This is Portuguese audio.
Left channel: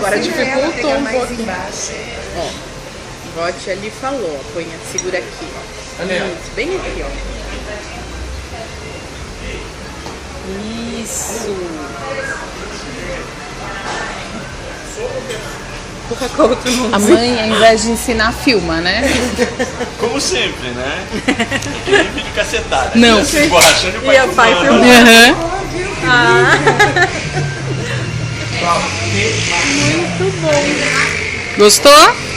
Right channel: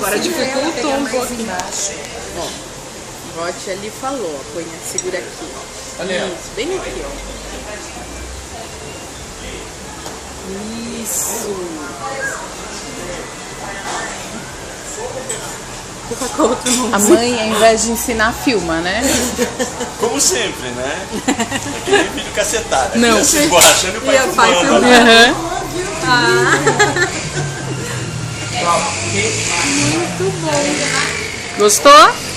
Agora dificultou um pouquinho. Ó, o Vote ali falou, ó, põe, segura aqui, ó. Isso, bem aqui, ó. Isso. Qual outro nome? A mãe, ao invés de ensinar, filma, né? Como sempre, né? Que nem vídeo cacetada. Não. Se borrachando e E a pai filmando. Muito bom. Gostou?